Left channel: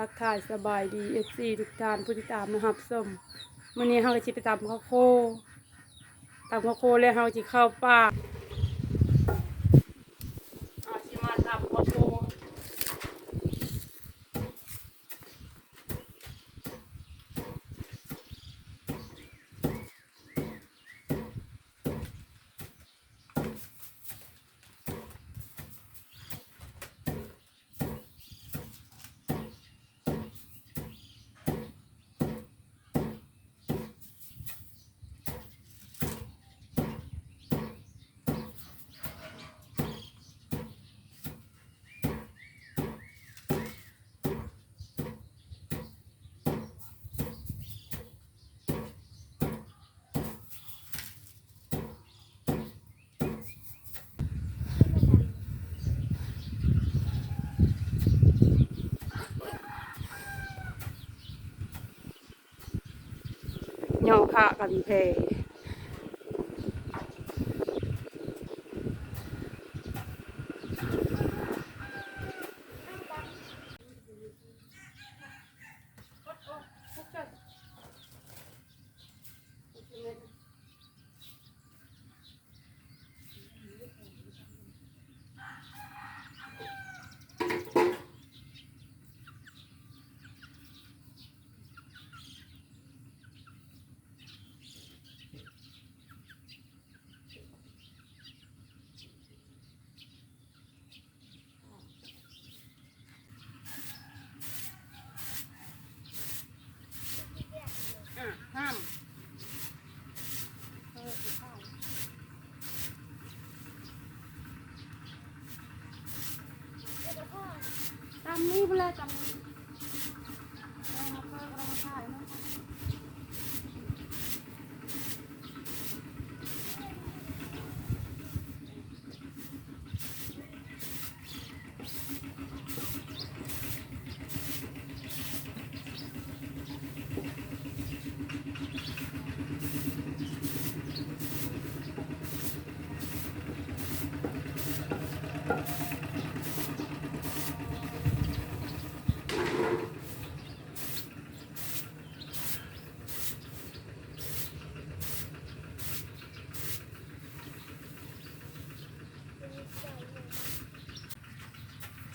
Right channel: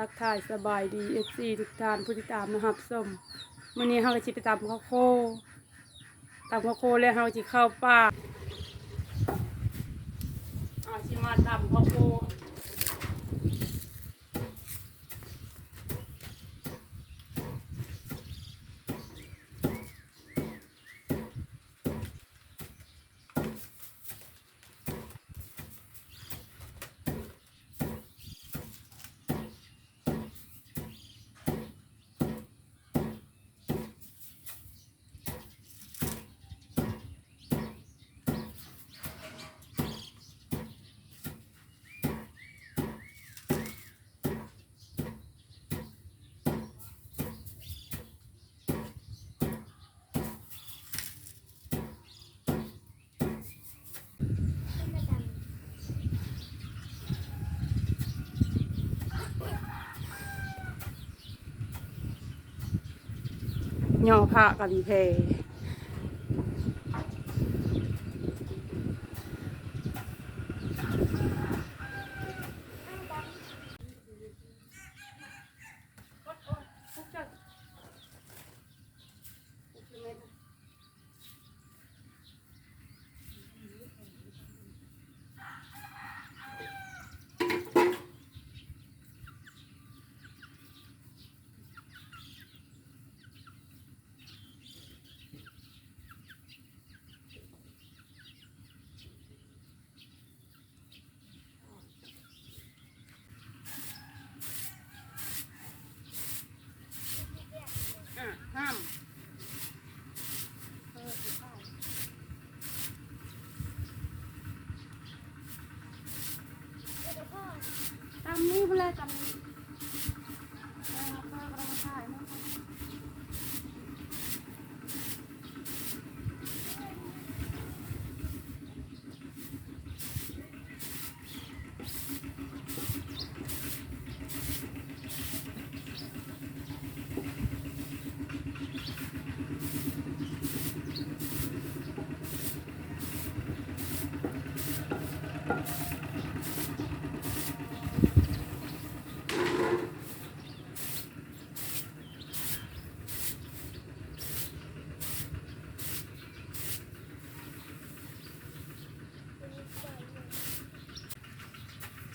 ทักทายสบายดีFCทุกท่านผู้ติดตามนะครับส้มวันนี้เราจะไปตำข้าวโพดแล้วเราจะเข้าป่าชิมาตำข้าวโพดย่อผ้ากับอีเพห้ามตำนี้เวลาตำนี้เรามาถ่ายมั้ง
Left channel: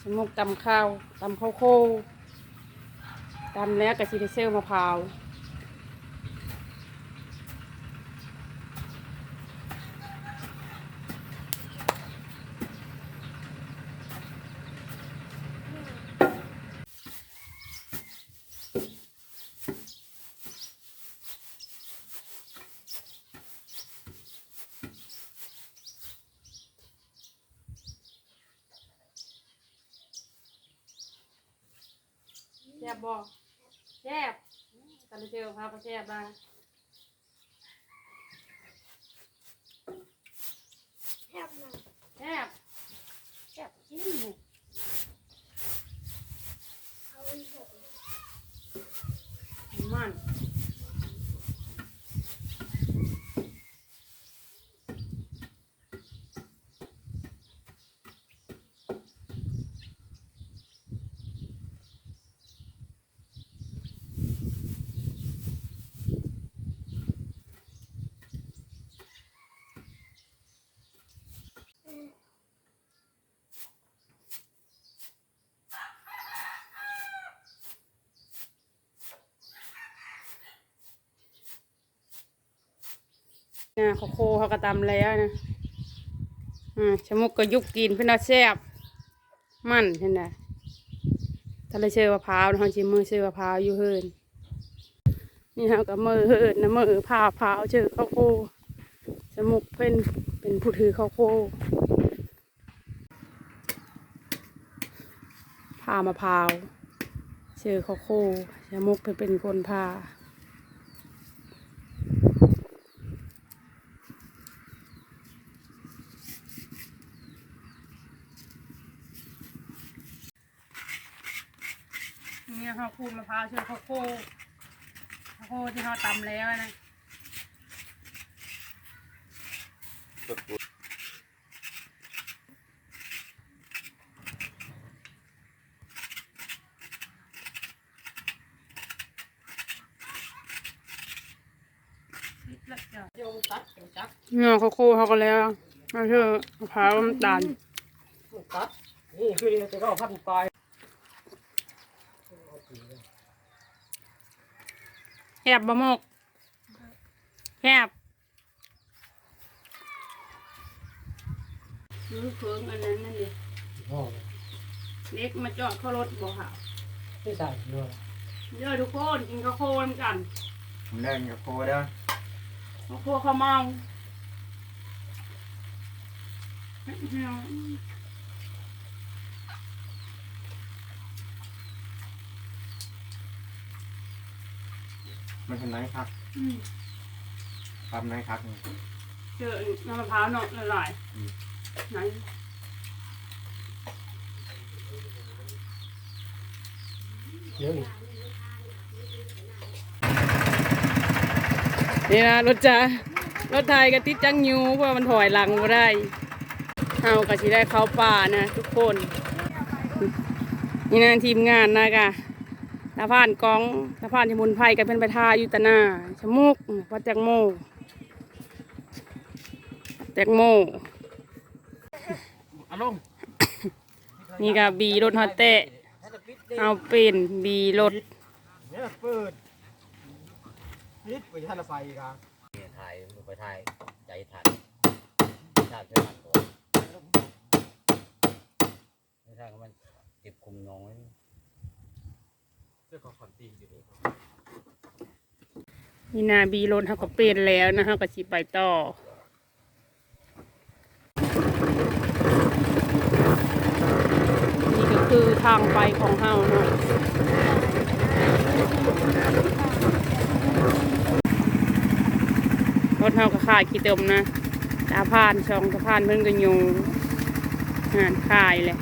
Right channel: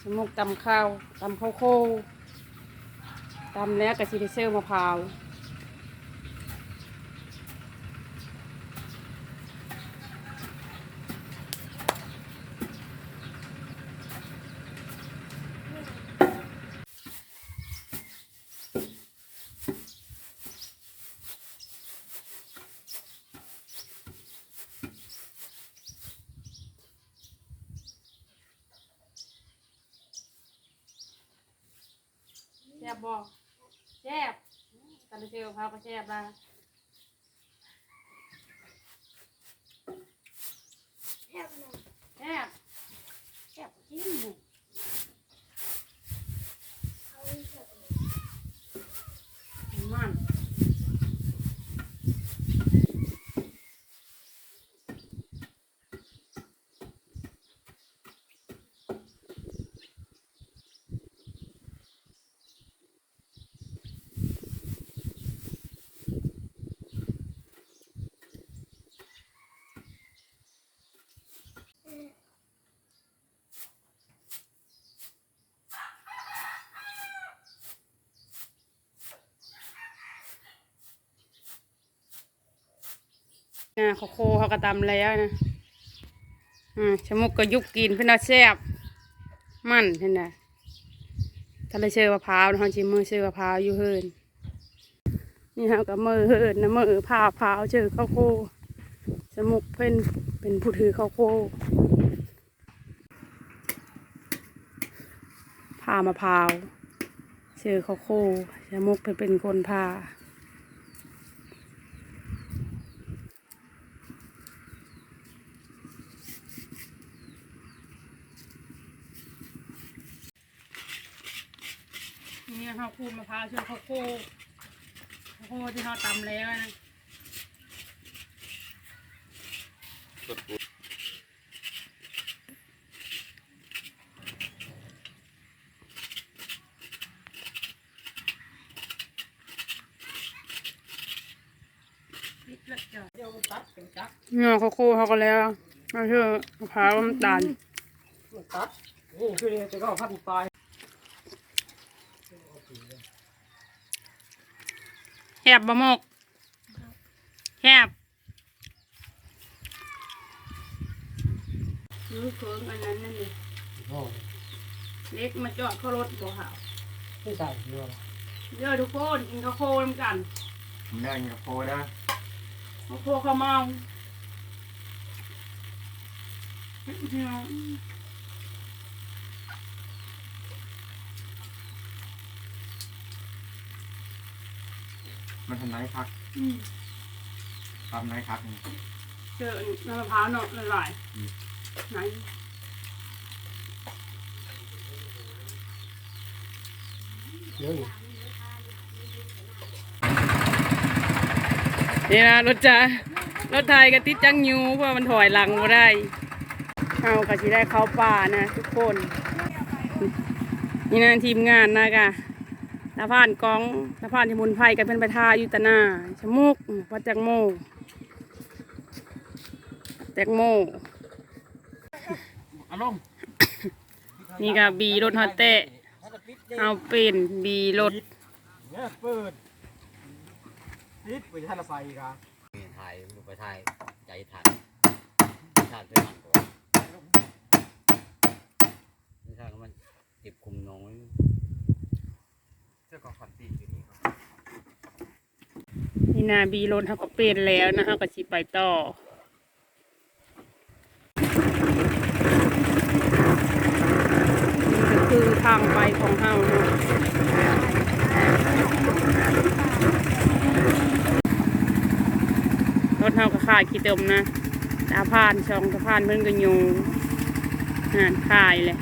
สมุกตำข้าวโคตำแล้วกับซีเซลมะพร้าวแซ่บบ่แซ่บตำเซลมะพร้าวก็แซ่บบ้างแซ่บจริงเลยมัน เขาโคเขากระตำแล้วนะชะมุกก็ยุกกินเพื่อนเอาแซ่บมันเห็นไหมถ้าเราเชื่อมะพร้าวนะเขาชิมมือเชื่อมะพร้าวอยู่เฮินนี่เขากับมือเฮินนะมือพร้าวเชื่อข้าวโคชะมุกเป็นผู้ถือข้าวโคผ่ามะพร้าวเชื่อข้าวโคชะมุกเป็นคนผ่านี่เขาคูดมะพร้าวเชื่อข้าวโคที่เขาตำแล้วนะ เนาะเขาโคเขาก็แล้วเอาเชื่อมะพร้าวน้ำตาล นี่คือจะก็พันปลาย แคบบะมกแคบมือเคืองอันนั้นนั่นดิเล็กมาจอดเข้ารถบ่ค่ะ ไม่ใส่เนื้อ เดี๋ยวทุกคนกินข้าวโพดน้ำกัน เล่นกับโคเด้อ ข้าวโพดข้าวเมา มันทำไรครับทำไรครับนี่ เจอน้ำมะพร้าวเนาะละลายไหน เยอะอยู่ นี่นะรถไทยก็ติดจังยูเพราะมันถอยหลังมาได้เอาก็สิได้เข้าป่านะทุกคนนี่นะทีมงานนะกะตาผ่านกองตาผ่านสมุนไพรกันเป็นไปทาอยู่ตะหน้าชะมุกพัดแตงโมอารมณ์ นี่ก็บีรถฮอตเตะเอาเป็นบีรถ เนี่ยเปิดนิดไปท่านไฟกัน ถ่ายไปถ่ายใจถ่ายถ่ายเพื่อนไม่ใช่มันติดคุมน้อง เจ้าของคอนตีอยู่นี่ครับ นี่นาบีรถเขาก็เป็นแล้วนะเขาก็สิไปต่อนี่ก็คือทางไปของเฮาเนาะรถเฮาก็ขายขี้เติมนะตาพานช่องตาพานเพิ่นก็อยู่หานขายเลย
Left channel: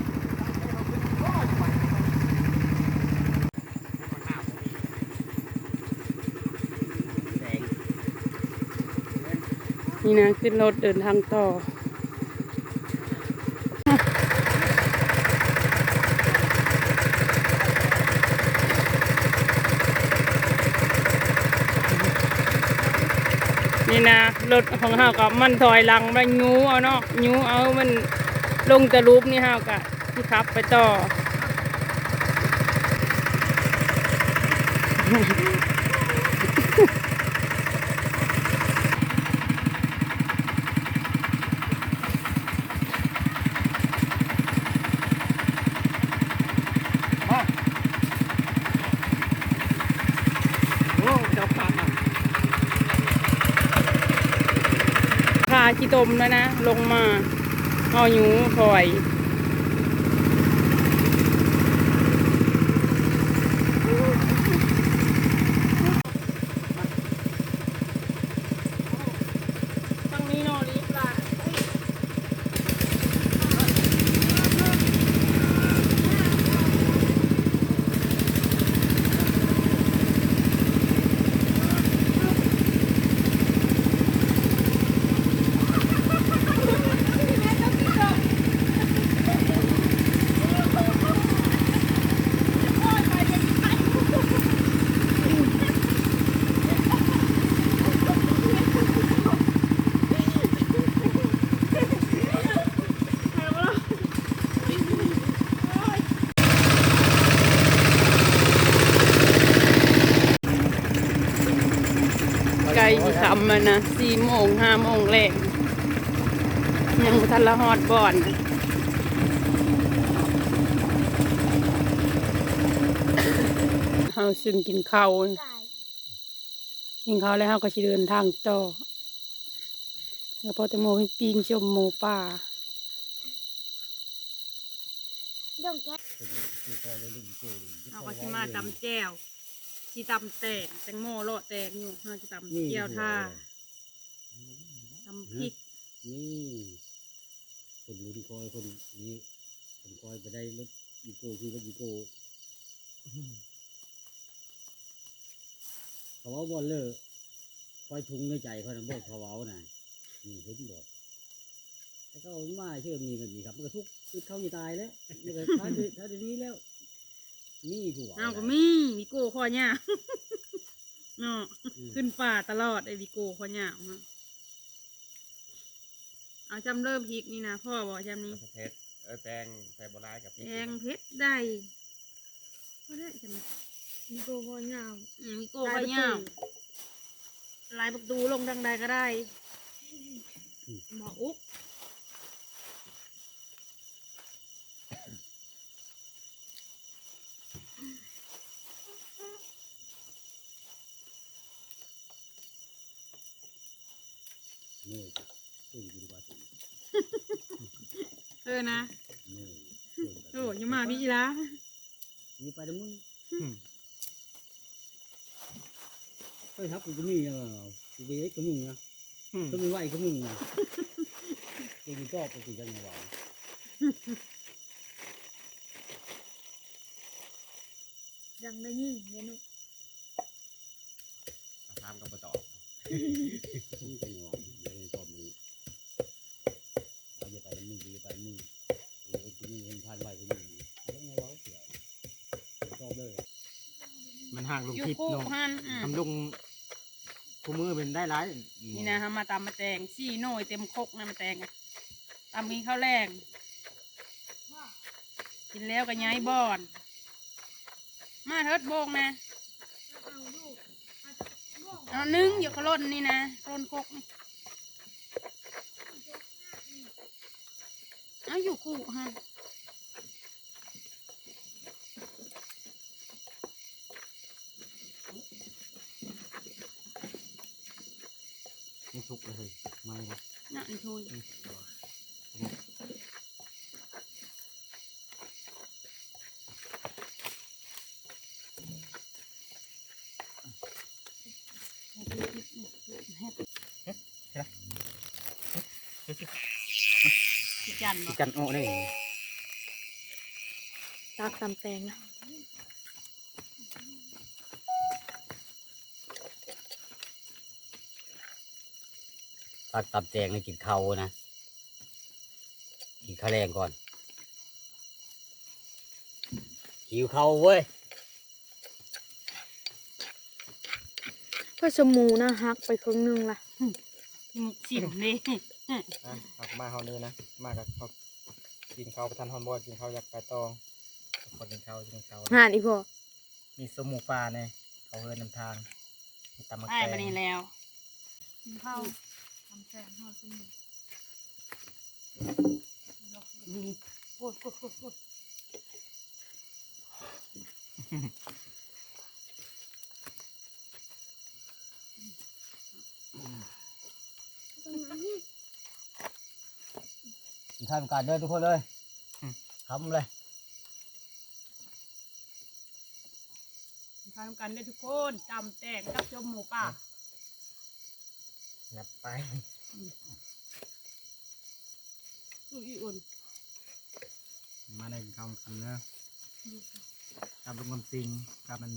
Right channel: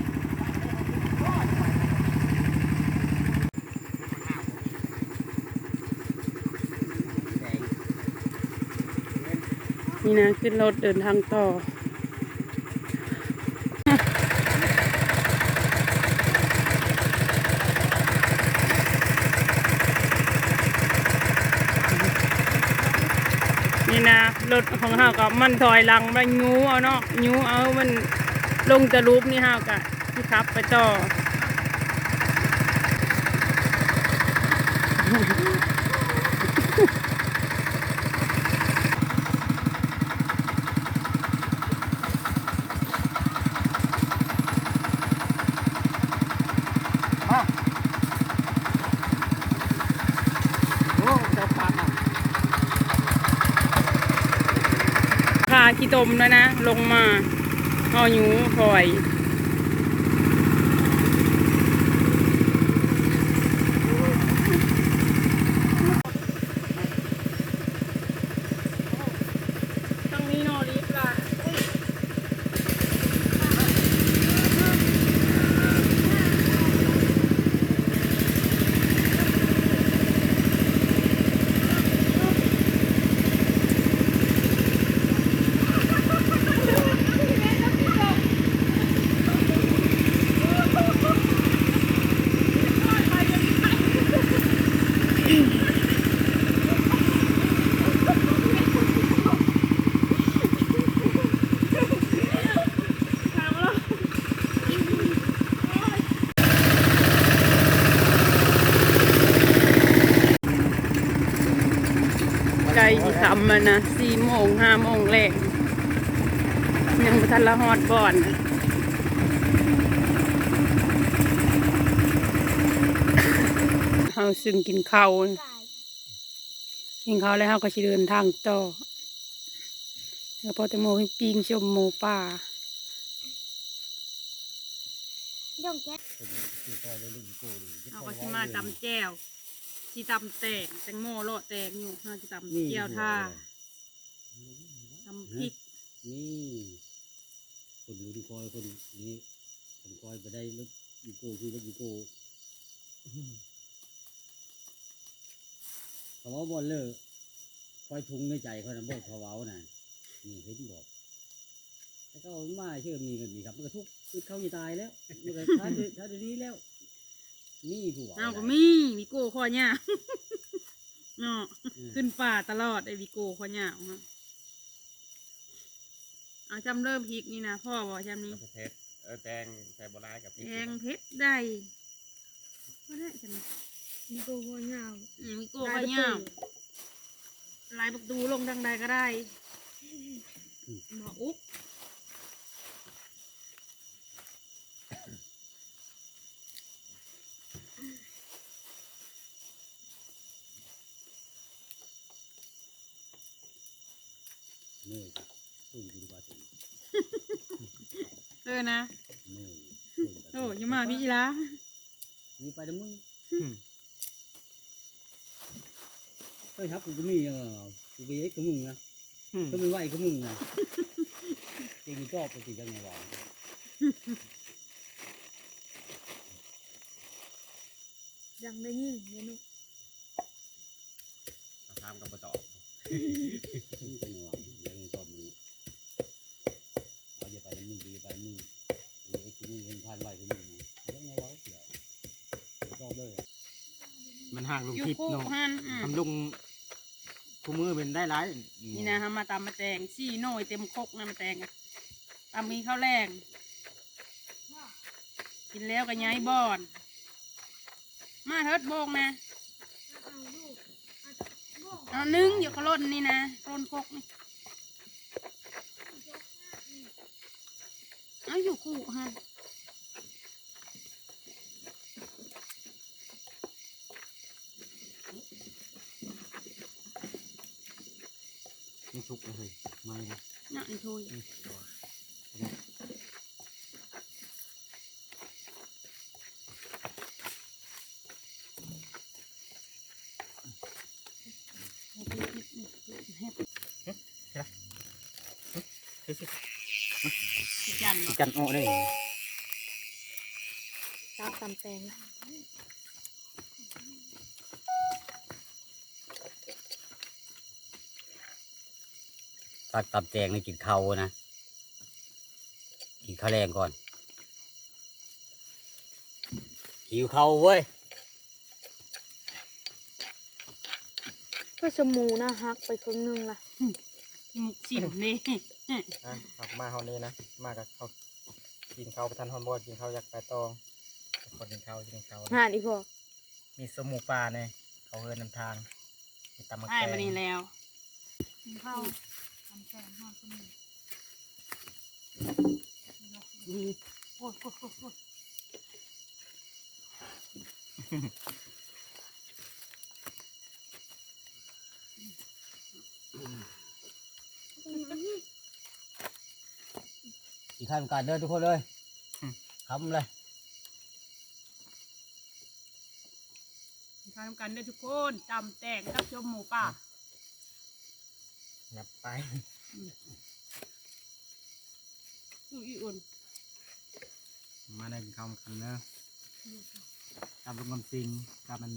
นี่นะขึ้นรถเดินทางต่อนี่นะรถของเฮากับมันถอยหลังไปยูเอาเนาะยูเอามันลงจะรูปนี่เฮากับที่ขับไปต่อพาขี้ตมแล้วนะลงมาเอายูถอยตรงนี้นอรีบล่ะไกลที่คำมันนะ4 โมง 5 โมงแรกยังบ่ทันละฮอดบ่อนนะเฮาซึ่งกินข้าวแล้วเฮาก็สิเดินทางต่อแล้วพอแตงโมให้ปิ้งชมหมูป่าเอาก็สิมาตำแจ่วสิตำแตงแตงโมโลดแตงอยู่เฮาสิตำแจ่วท่าตำพริก นี่คนลุ้นคอยคนนี้ผมคอยไปได้รถอีโก้คือรถอีโก้เขาว่าบอลเลอร์คอยทุงในใจเขานะบอกเขาเว้าน่ะนี่เห็นบอกแล้วก็มาเชื่อมีกันดีครับมันก็ทุกข์เขาจะตายแล้วมันก็ท้าดีแล้วนี่กูว่า เอาก็มีโก้ข้อเนี่ย เนาะขึ้นป่าตลอดไอ้วิโก้คนเหยาวฮะเอาจำเริ่มพริกนี่นะพ่อบอกจำนี้ เพชรแตงใส่โบราณกับพริก แองเพชรได้ก็ได้จำนี้ มีโกโก้ยาว วิโก้คนเหยาวลายประตูลงดังใดก็ได้หมออุ๊ก เมื่อยจ้ะตื่นกินกว่าถึง นะ เมื่อย โอ้ยงมาพี่จีละ มีไปเด้อมึงเฮ้ยครับกูก็มีกูไปไอ้กับมึงนะก็มีไหวกับมึงนะกูมีชอบไปสิจังไงวะ ยังได้ยิ่งเดี๋ยวนี้ ตามกับปะตอบ มึงจังไงวะยังชอบมึงเอาอย่าไปเด้อมึงอย่าไปมึงไอ้กูมึงเห็นพันไหวกับมึงยังไงวะเดี๋ยวชอบเลย มันห่างลุง ยู ทิพย์ โก้ เนาะ ฮัน ทำลุงกูมือเป็นได้ร้าย นี่นะฮะมาตำมาแตงซี่โน่ยเต็มครกนะมาแตงอะตำมีข้าวแรงกินแล้วก็ย้ายบอน มาเทิดโบกนะเอานึ่งอยู่ขล่นนี่นะขล่นครกนี่เอาอยู่คู่ฮะ ไม่ทุกเลยไม่นะ นั่นทุยจัน กันโอ้นี่ ตากตำแตงนะ ตัดตับแจงให้กินข้าวนะกินข้าวแรงก่อนหิวข้าวเว้ย ก็สมูนะฮักไปครึ่งหนึงล่ะ สิมเลย ออกมาเฮานี่นะมากับเขากินข้าวประทานฮอนบอดกินข้าวอยากไปตองคนกินข้าวกินข้าว งานอีพอ มีสมูปลาเนี่ยเขาเฮินนำทางมีตำมะ ได้ แก มานี่ ง แล้ว ข้าวทำแตงทอดสมู โอ้ยโอ้ยโอ้ยโอ้ย กินข้าวกันเด้อทุกคนเลยทำเลย ทำกันได้ทุกคนตำแตงกับชมหมูป่า หยับไป อีอุ่น มาได้กินข้าวกันเนอะกับลุงกำซิงกับมัน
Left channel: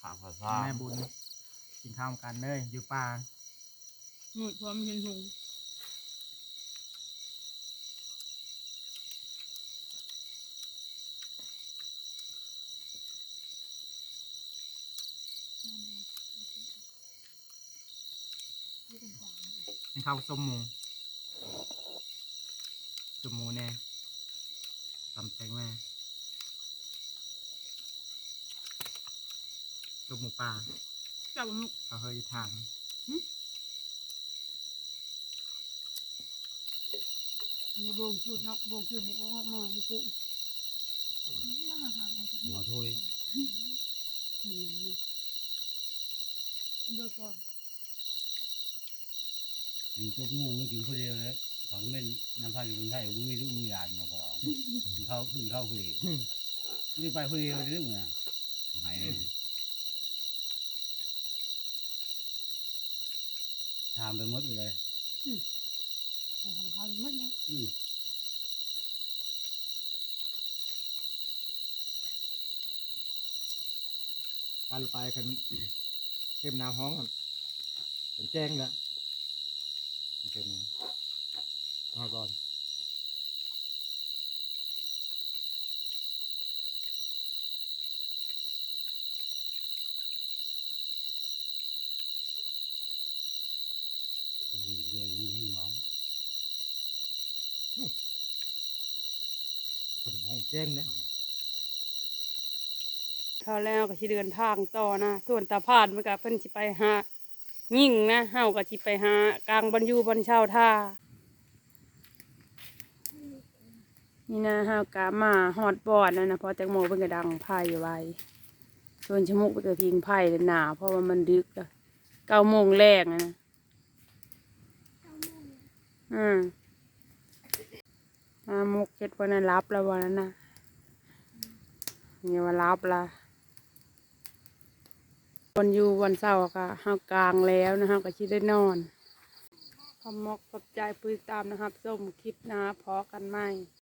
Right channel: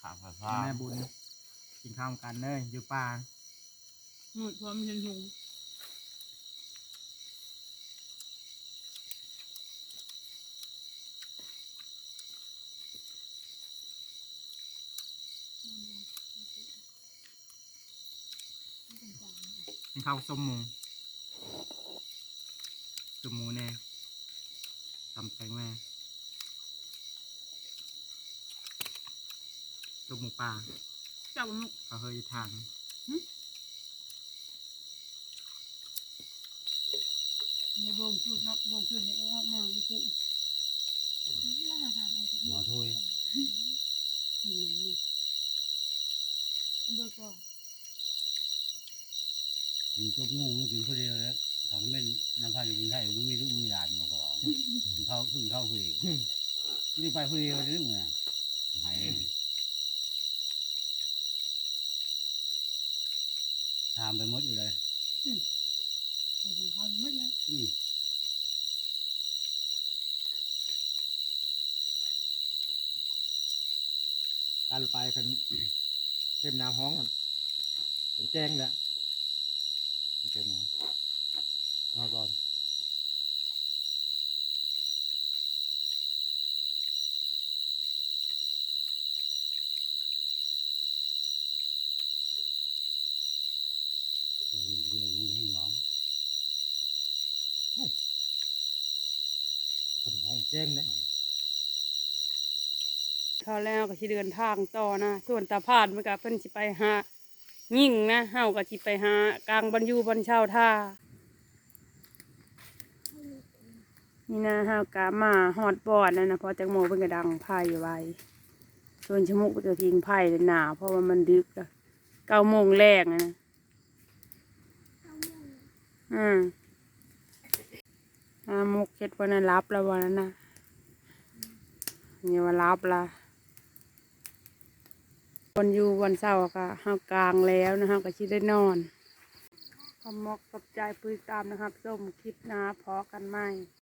ขาผ้าผ้า แม่บุญกินข้าวกันเลยอยู่ป่า หมุดพร้อมเห็นหุง กินข้าวส้มหมูส้มหมูแน่ตำแตงแม่ส้มหมูป่า จับมุก เขาเฮยทาง ในโบงชุดเนาะโบงชุดเนี่ยออกมาอยู่ปุ๊แล้วหาอะไรสัก หม นิ อ ด ถ้วย นี่นี่เบิกก่อน กินทุกงูไม่กินคนเดียวแล้วเขาก็ไม่น้ำพันกินไทยมึงมีลูกมีหลานมาขอกินข้าวพึ่งข้าวคุยนี่ไปคุยเรื่องมึงหายทำไปหมดอยู่เลย ของเขาไม่เลย การไปคันเข้มน้ำห้องกันเป็นแจ้งแล้วโอเคมาเอาก่อน แจ้งแล้ว เขาแล้วก็สิเดินทางต่อนะส่วนตาพาดมันก็เพิ่นสิไปหายิ่งนะเฮาก็สิไปหากลางบรรยูบรรเช่าท่านี่นะเฮากะมาฮอดบอดนะเพอแตงโมเพิ่นก็ดังไพ่ไว้ส่วนชะมุกเพิ่นก็ทิ้งไพ่เลยหนาเพราะว่ามันดึกแล้ว9 โมงแรกนะมุกเฮ็ดวันนั้นรับแล้ววันนั้นนะนี่ว่ารับละวันอยู่วันเสาร์ก็เฮากลางแล้วนะเฮาก็สิได้นอนขอบมกขอบใจปุ้ยตามนะครับส้มคลิปนะพอกันไหม